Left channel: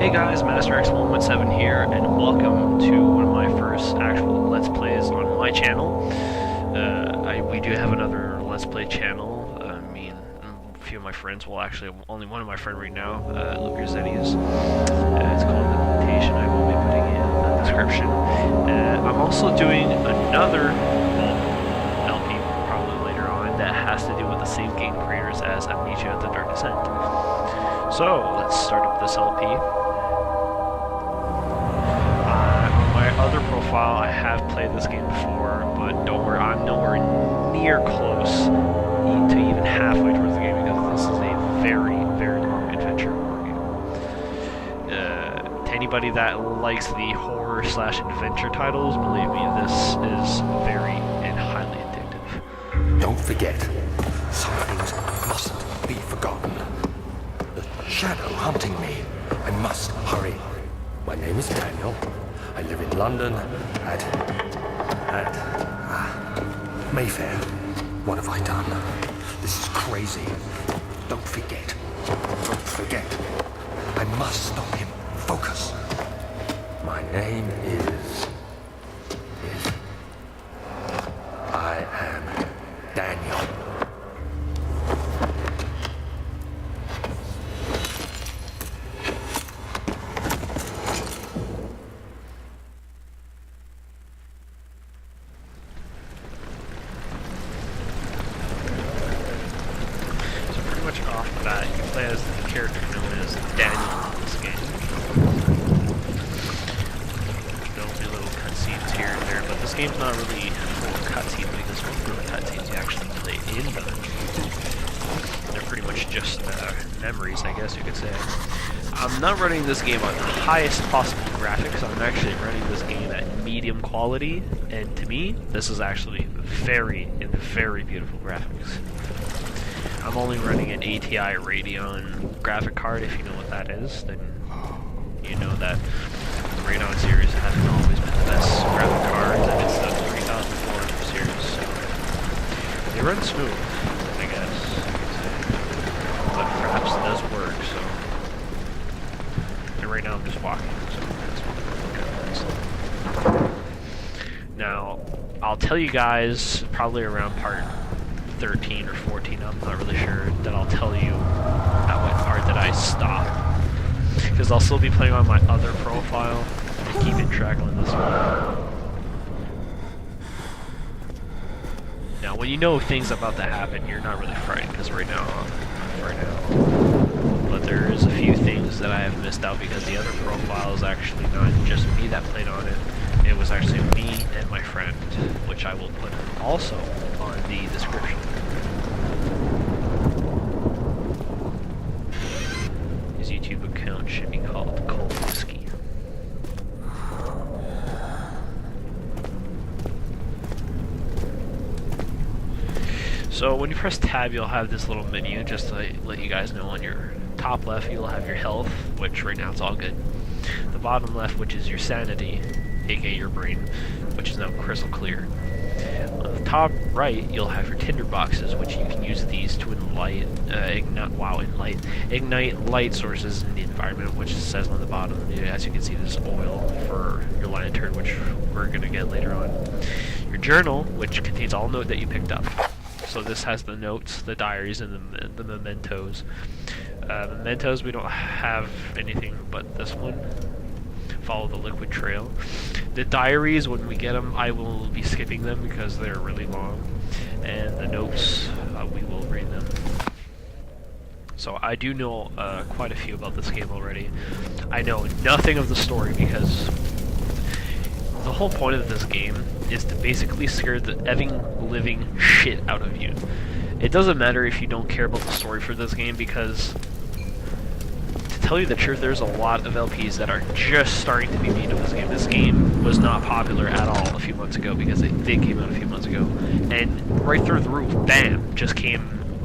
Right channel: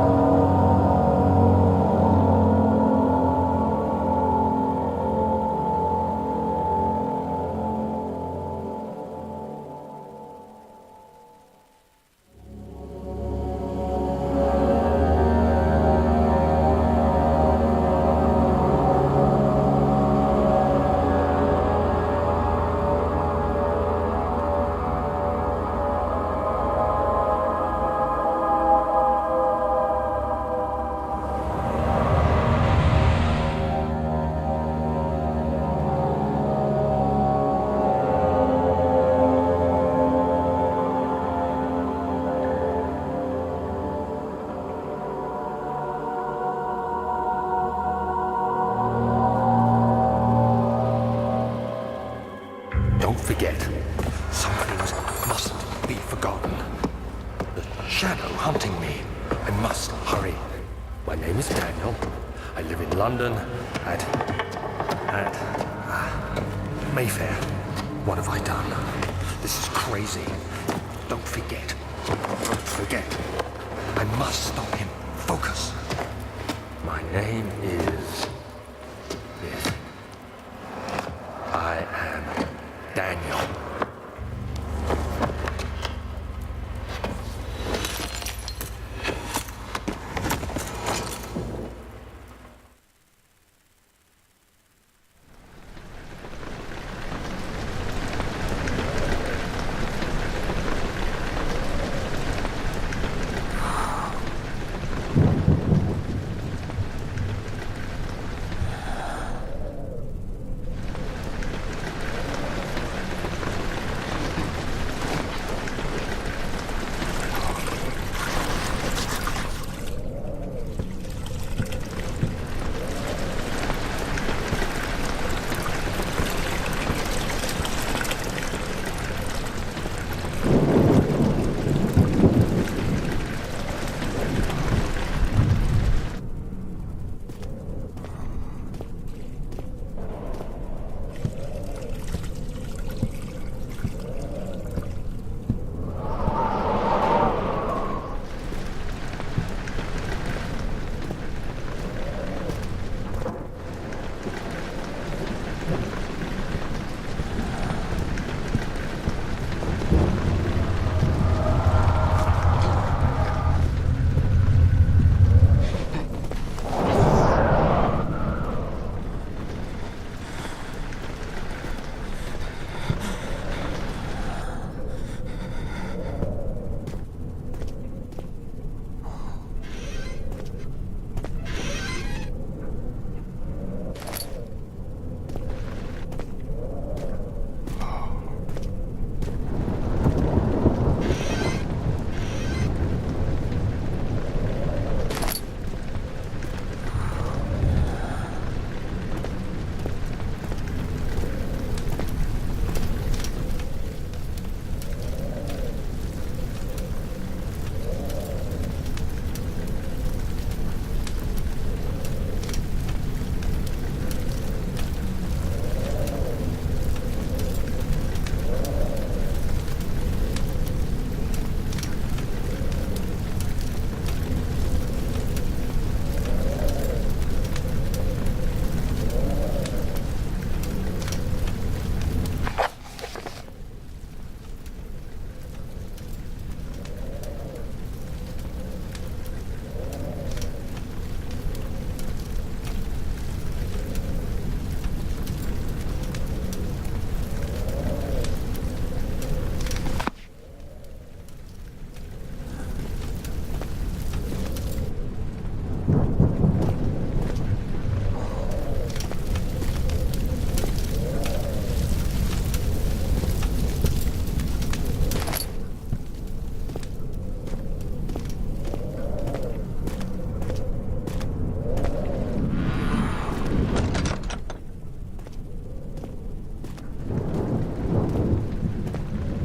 Hey guys, MasterX117 here, and welcome to one of my first actual Let's Plays on my channel. We do have another Let's Play channel. Me and a few of my friends, well actually only one of my friends right now, Luke Zeddies. It's called Amnesia. I will be putting in the description. I'm also doing another LP probably later on that has to do with the same game creators as Amnesia: The Dark Descent. So let's start up this LP. This game before, but don't worry, I'm nowhere near close to even halfway towards the game because this is a very, very long adventure horror game. To anybody that likes the horror / adventure titles, believe me, this is very and highly addictive. Don't forget, some things mustn't be forgotten. The shadow hunting me. I must hurry. My name is Daniel. I live in London at Mayfair. What have I done? This is crazy. Don't forget. Don't forget. I must stop him. Focus. My name is... I am Daniel. Game's not really cutscene like this one. Cutscenes actually played in. They're pretty much just memories, I guess you could say. I'm not running this game on the highest possible graphics. I'm actually running this game at medium quality, and to me, this is actually very, very good graphics. I'm only running an ATI Radeon graphic card, if you know what that is. You know that the Radeon series hasn't always been the best graphic cards, and it's the 3004 series, so they run smooth, I guess. But perhaps it doesn't work, so right now I'm just walking through some. Now, I'll tell you guys probably around part 13 or 14, I'm not really sure, then I'll tell you at what part that I stop. Because I'll still be playing on my other profile and keeping track of this one. Now, when you know things about to happen, you're not really frightened, because right now. But there's a few things that I have missed out because the other profile is actually not just me that played on it. It was actually me and my friend, which I will put also on the description. His YouTube account should be called Whiskey. So when you press tab, you'll have this little menu just to let you guys know. On your top left, you'll have your health, which right now it's all good. The bottom left, which is your sanity, aka your brain, which is now crystal clear. On the top right, you'll have your tinder boxes, which you can use these to ignite light sources in the environment, which is says on the bottom. As you can see, there's smoke for your lantern, which we're going to get later on. Your journal, which contains all notes that you picked up. So this has the notes, the diaries, and the mementos. Mementos, we don't have anything but this one. Follow the liquid trail. The diaries, when we get them, I will be skipping them because they're really long. And the notes, we will read them. So I do know quite a few about this game already. I know nothing of the story because the whole point of this game is to basically scare the living shit out of you. It doesn't matter if you don't care about the story for this game because, to tell you the truth, there's a lot of LPs that are just starting to be made of this game. This game was not popular at all a few months ago because it did came out a few months ago. And right through the roof, bam, just came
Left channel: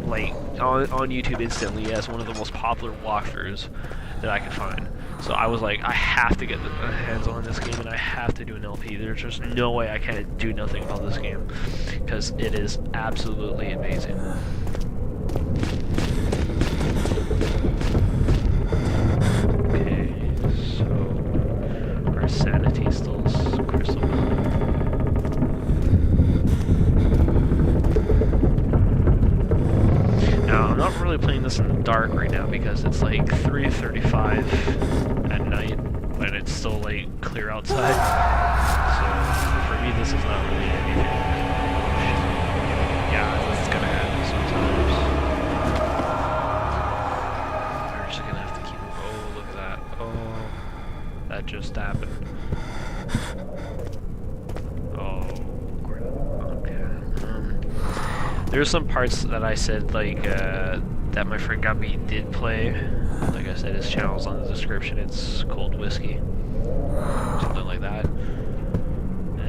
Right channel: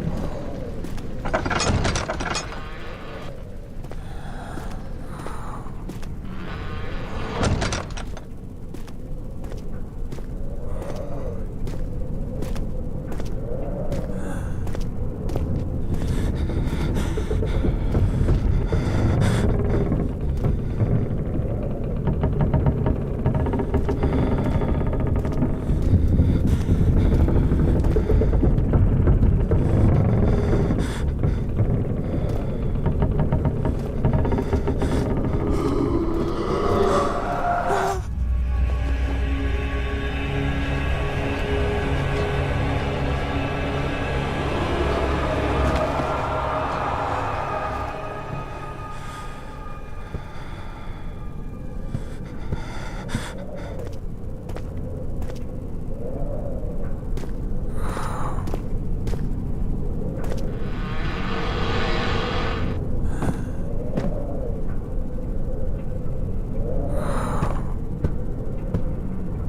like on YouTube instantly as one of the most popular walkthroughs that I could find. So I was like, I have to get the hands on this game and I have to do an LP. There's just no way I can do nothing about this game because it is absolutely amazing. Okay. that just happened? Oh, okay. There's some parts that I said, like, that my friend Gabi did play. Like I said, his channel's on the description. It's Cold Whiskey. Something like that.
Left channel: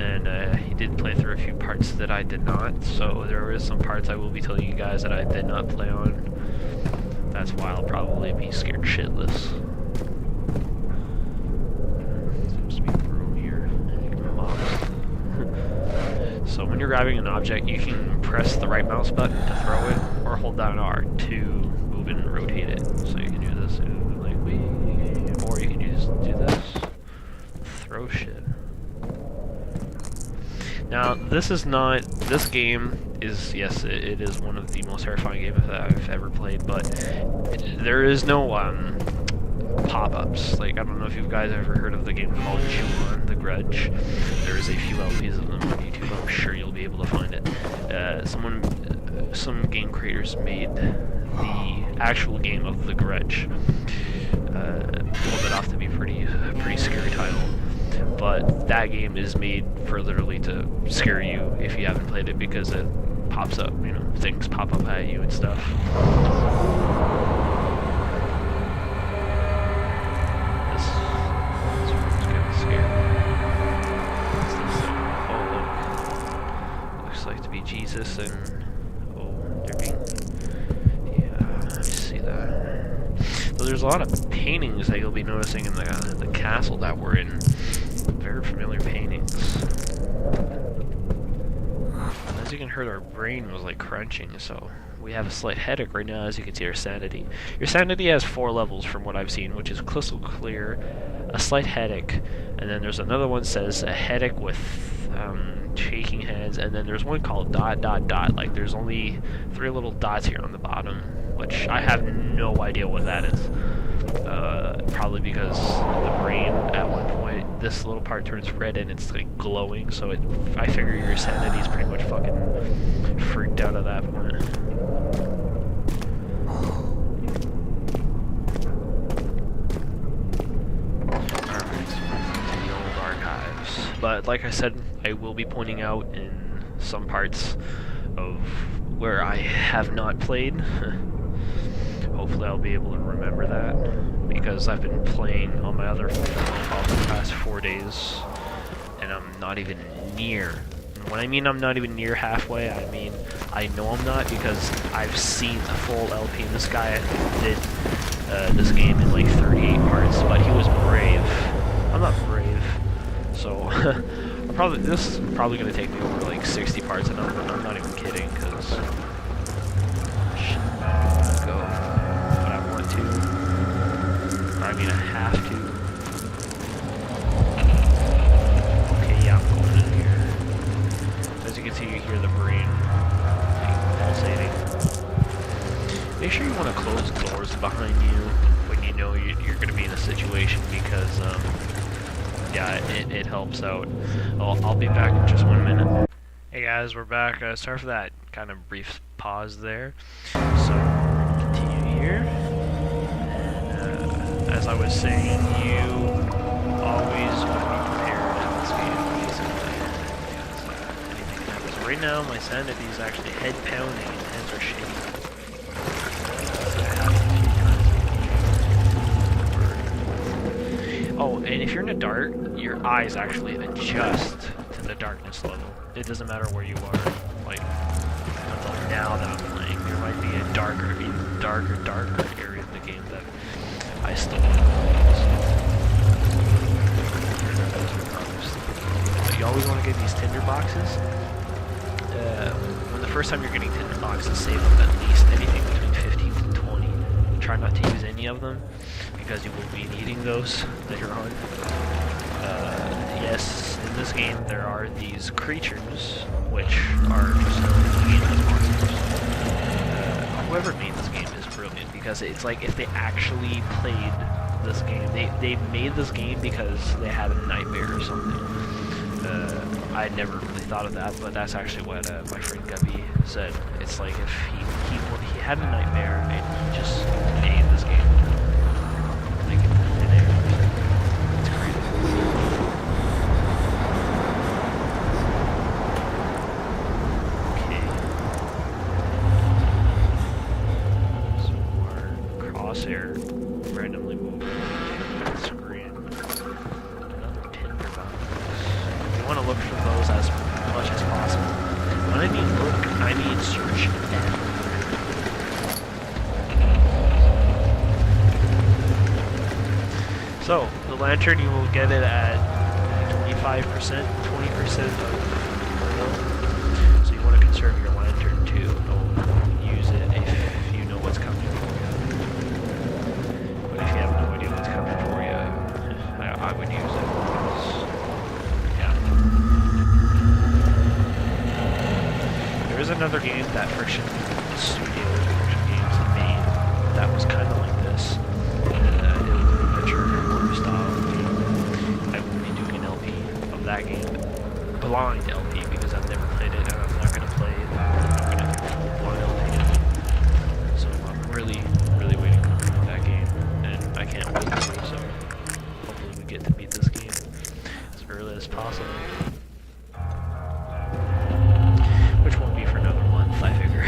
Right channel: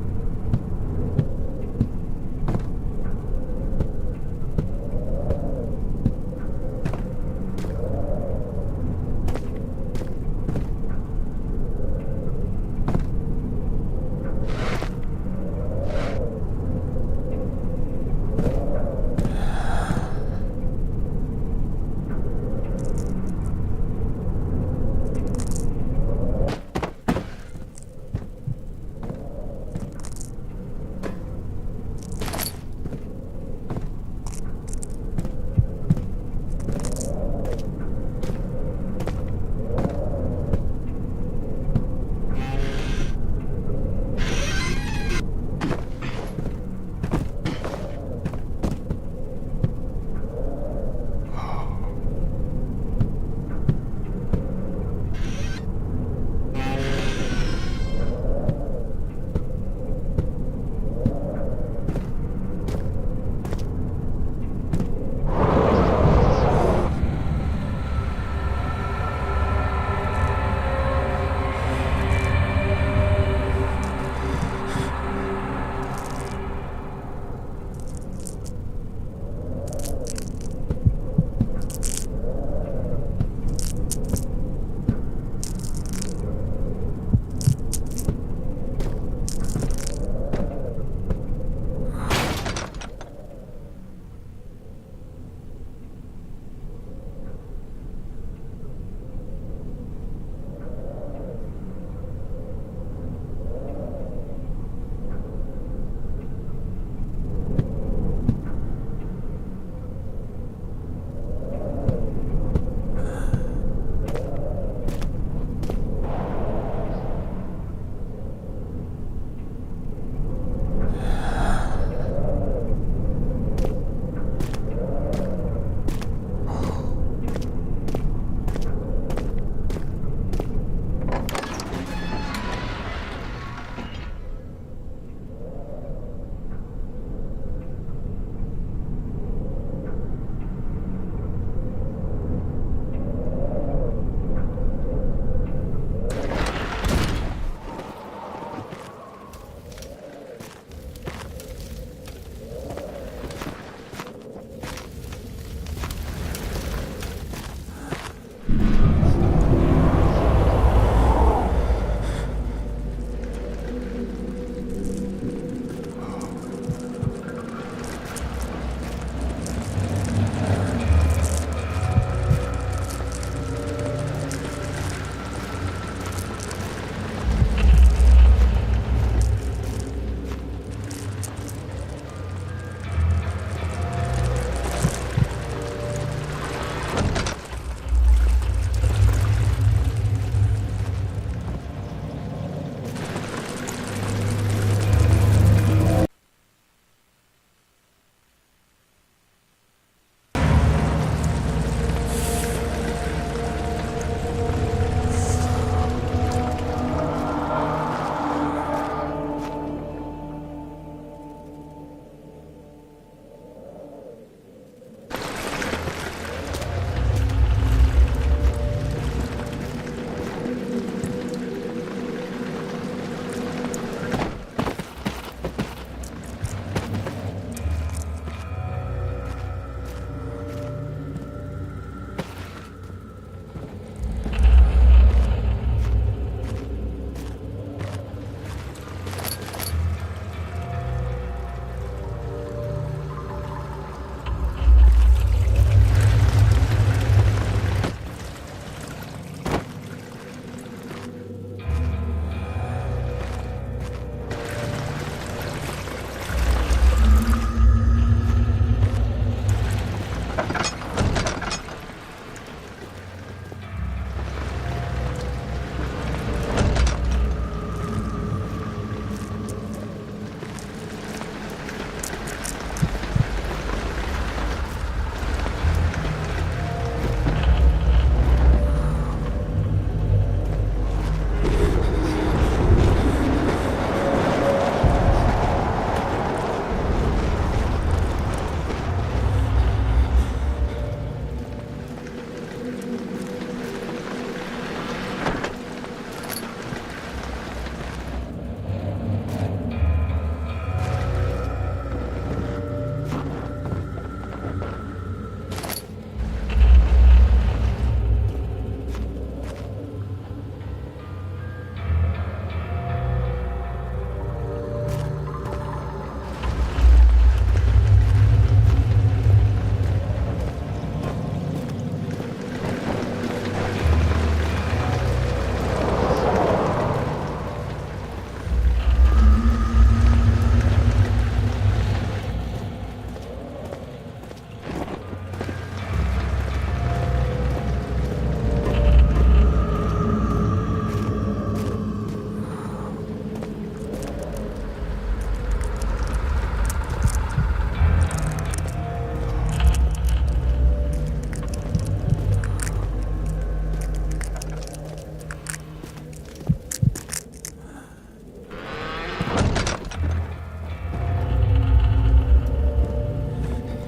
And he did play through a few parts that I did not. So there is some parts I will be telling you guys that I did not play on. That's why I'll probably be scared shitless. So when you're grabbing an object, you can press the right mouse button to throw it, or hold down R to move and rotate it. So you can do this, like me, or you can just do this. Throw shit. Now, this is not. This game is, yes, it is one of the most terrifying games that I've ever played, but there is no pop-ups. Like, I don't know if you guys ever heard of the game called The Grudge. There's a few LPs of them on YouTube. I'm sure you'll be able to find it. Some game creators made the actual game of The Grudge. Pulled it off to be pretty scary title. But that game is made for literally to scare you if you haven't played it, because it pops up, you know, things pop up at you and stuff. There's a lot of paintings that you'll be noticing in the castle that we're in. Very familiar paintings. As you can hear, our brain was like crunching, so we have a slight headache right now. As you can see, our sanity. Your sanity has 4 levels from what I've seen, which is crystal clear, a slight headache, and then there's another one that says a headache with shaking hands, and then there's one called ... Like there's only 3 little dots here on the bottom, which I have no idea what that is. Probably because the brain at one point, this little part turns red and it's like glowing, so I figure your sanity's pretty much fucking freaked out of that point. But like I said, I will be pointing out in some parts of where I have not played. Hopefully I'll be able to remember that, because I've been playing on my other phone for the past 4 days, and I'm not even near. When I mean I'm not even near halfway, I mean I know I'm not, because I've seen the full LP. This guy did this game in like 38 parts, but he was brave. I'm not brave, so this is probably going to take me over like 60 parts, and I'm not even kidding, because we're back. Sorry for that kind of brief pause there. So, continue here. As I was saying, you always go prepared to this game, basically, because anything can happen. So right now, my sanity is actually head pounding and hands are shaking. Oh, and if you're in the dark, your eyes actually adjust the darkness level. It doesn't matter where you are. Like, until now that I'm playing, there might be a darker, even darker area of the game that I still have. So you always want to get these tinder boxes. The first time you're getting tinder boxes, save up at least anything between 50. Try not to use any of them, because you wouldn't be needing those later on. Yes, in this game there are these creatures, which are just monsters. Whoever made this game is brilliant, because it's like if they actually played this game, they made this game because they had nightmares or something. I never really thought of that, but that's actually what that said. It's like he had a nightmare and just made this game. Like, there. So, the lantern, you will get it at 25%, 20%. So you want to conserve your lantern to use it if you know what's coming. There is another game that Friction Studio recommended me that was kind of like this. Adventure style game. I will be doing an LP of that game. Blind LP because I've never played it and I'm not going to play it. I'm going to blind LP. So I'm really, really waiting for that game. And I can't beat it, so hopefully we get to beat this game as early as possible. Which won't be for another month, I figure.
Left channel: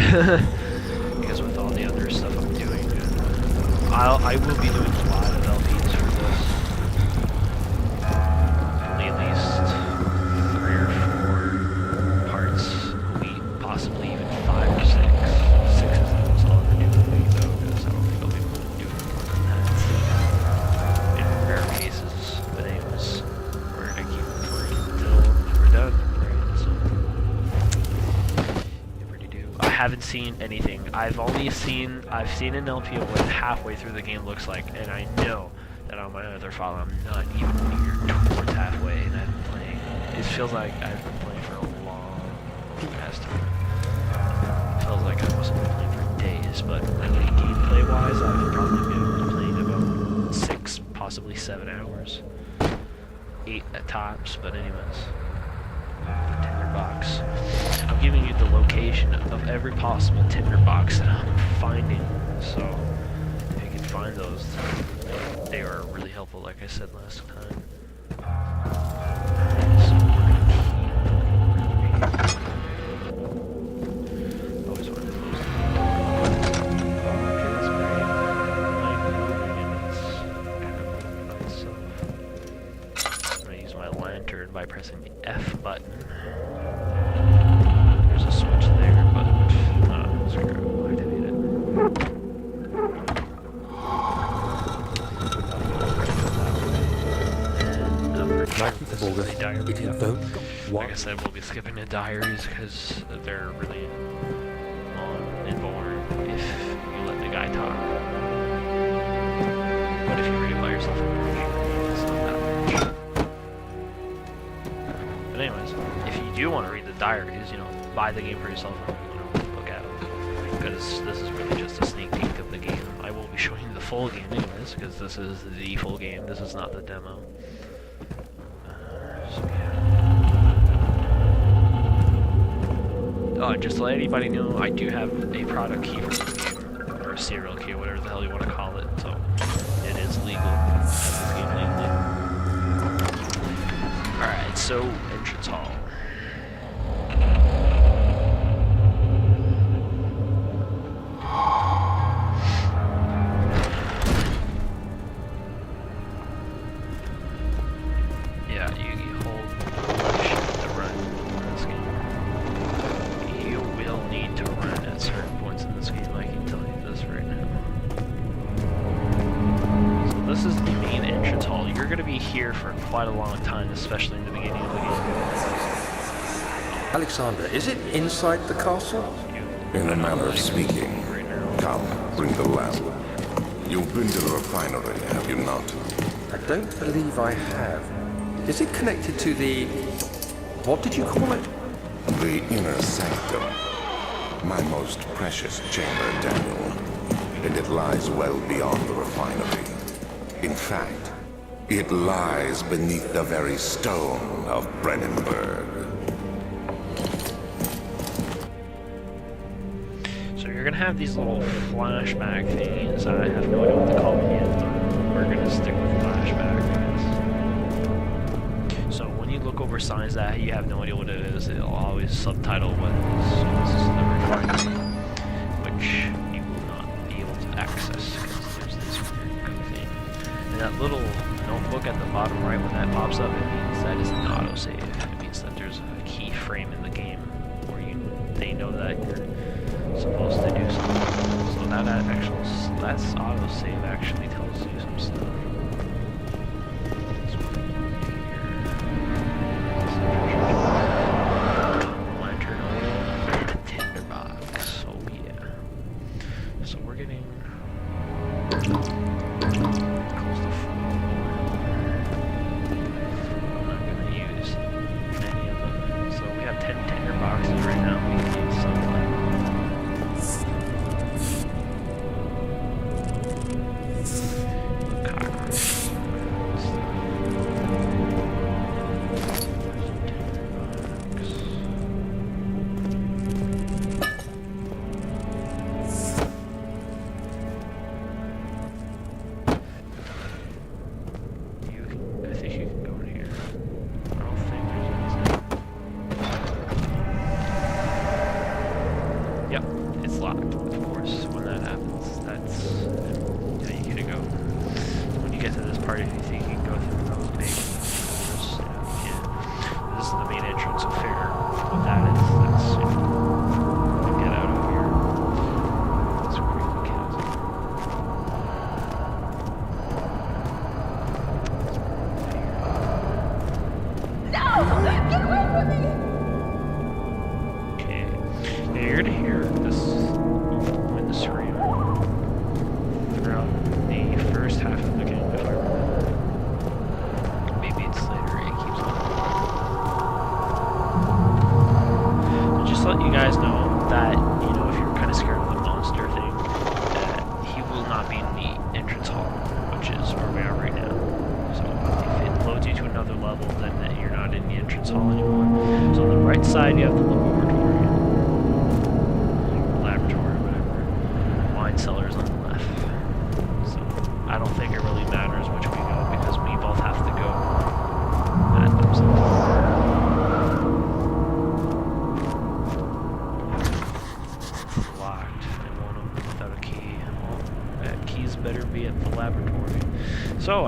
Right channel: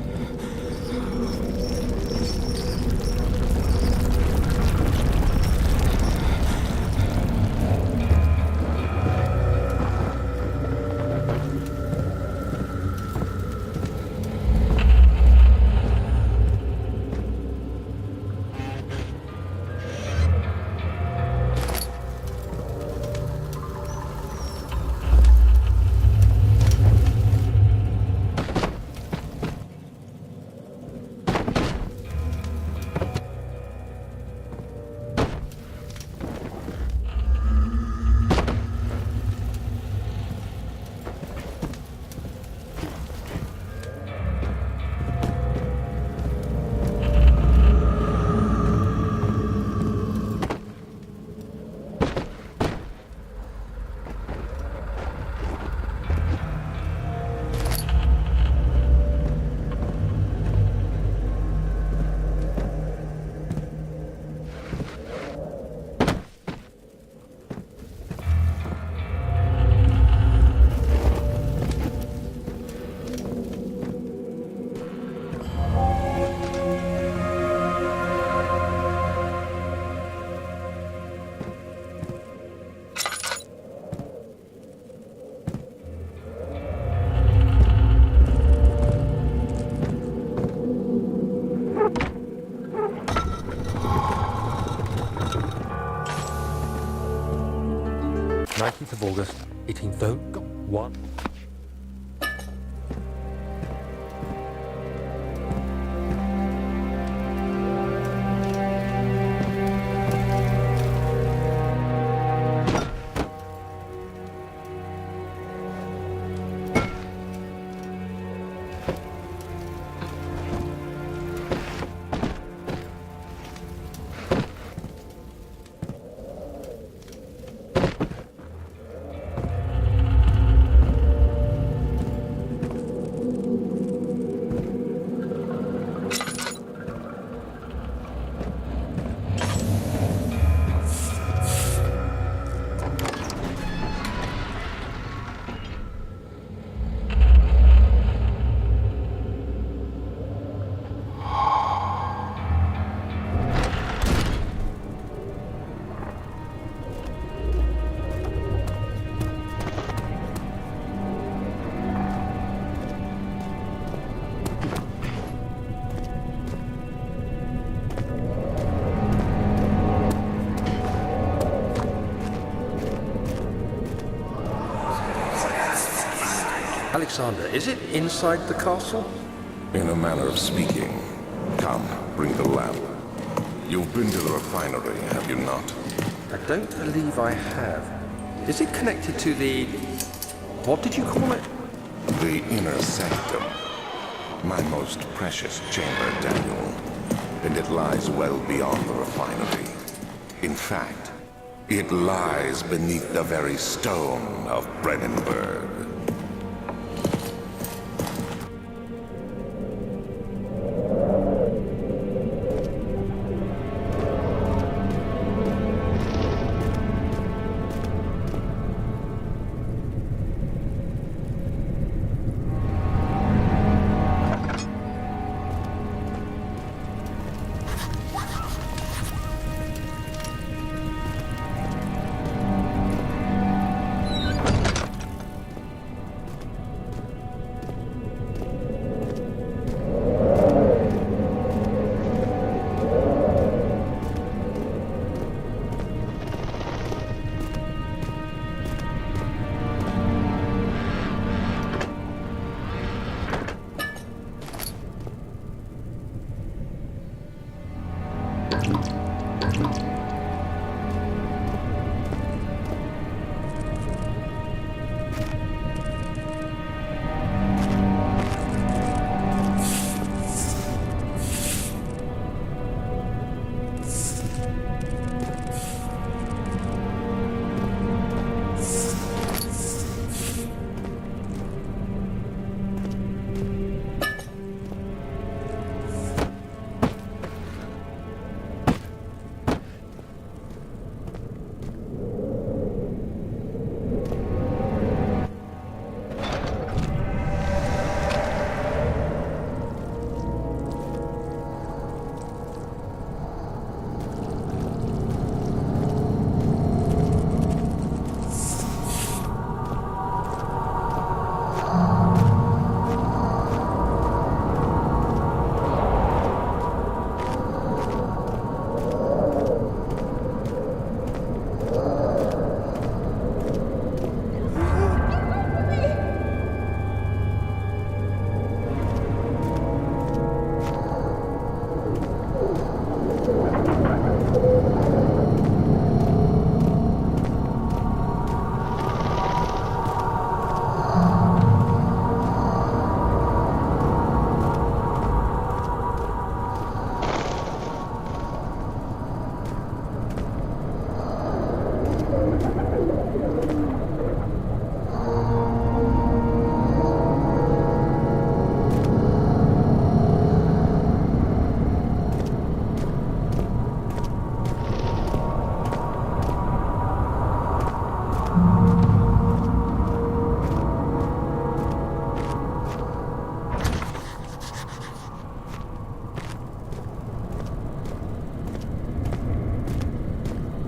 Because with all the other stuff I'm doing, I will be doing a lot of LPs for this. At least 3 or 4 parts, maybe possibly even 5 or 6. 6 is all I'm doing though, because I don't think I'll be able to do it that. In rare cases, but anyways, we're gonna keep going. No, we're done. I haven't seen anything. I've seen an LP of what halfway through the game looks like, and I know that on my other file I'm not even near towards halfway, and I've been playing. It feels like I've been playing for a long past time. It feels like I must have been playing for days, but play-wise, I've probably been playing about 6, possibly 7 hours. 8 at times, but anyways. Tinderbox. I'm giving you the location of every possible tinderbox that I'm finding, so if you can find those, they are really helpful, like I said last time. I use my lantern by pressing the F button. There's a switch there, but screw it, I didn't need it. Nineteenth of August, 18th. What? Like I said, we'll be skipping the diaries because they're really long and boring if you let the guy talk. But if you read about yourself, it's not that much. But anyways, if you do want to read the diaries, you know, buy the game for yourself and look at it. Because this is really just a sneak peek of the game. I will be showing you the full game of this because this is the full game. This is not the demo. Just to let anybody know, I do have a product key or a serial key, whatever the hell you want to call it, so it is legal. Alright, so entrance hall. Yeah, you hold shift to run this game. You will need to run at certain points in this game. I can tell you this right now. So this is the main entrance hall. You're going to be here for quite a long time, especially in the beginning of the game. Alexander, is it inside the castle? In a manner of speaking. Come, bring the lamp. You've been to the refinery, have you not? I don't believe I have. Is it connected to the... what did you call it? The inner sanctum. My most precious chamber, Daniel. And it lies well beyond the refinery. In fact, it lies beneath the very stone of Brennenburg. So you're going to have these little flashback things. I have no idea what to call them yet. We're going to stick with flashback things. So when you look over signs that you have no idea what it is, it'll always subtitle what it is. Which you will not be able to access. And that little notebook at the bottom right, when that pops up, it means that is not a save. It means that there's a key frame in the game where they know that you're supposed to do something. So that actual, that's auto-save actually tells you some stuff.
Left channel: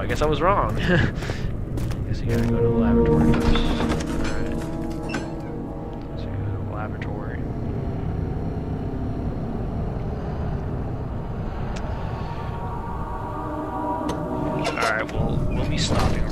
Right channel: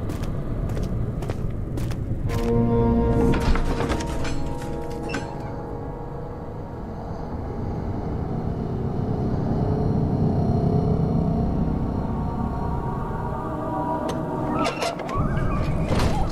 I guess I was wrong. Guess you gotta go to the laboratory. So you go to the laboratory. Alright, well, let me stop you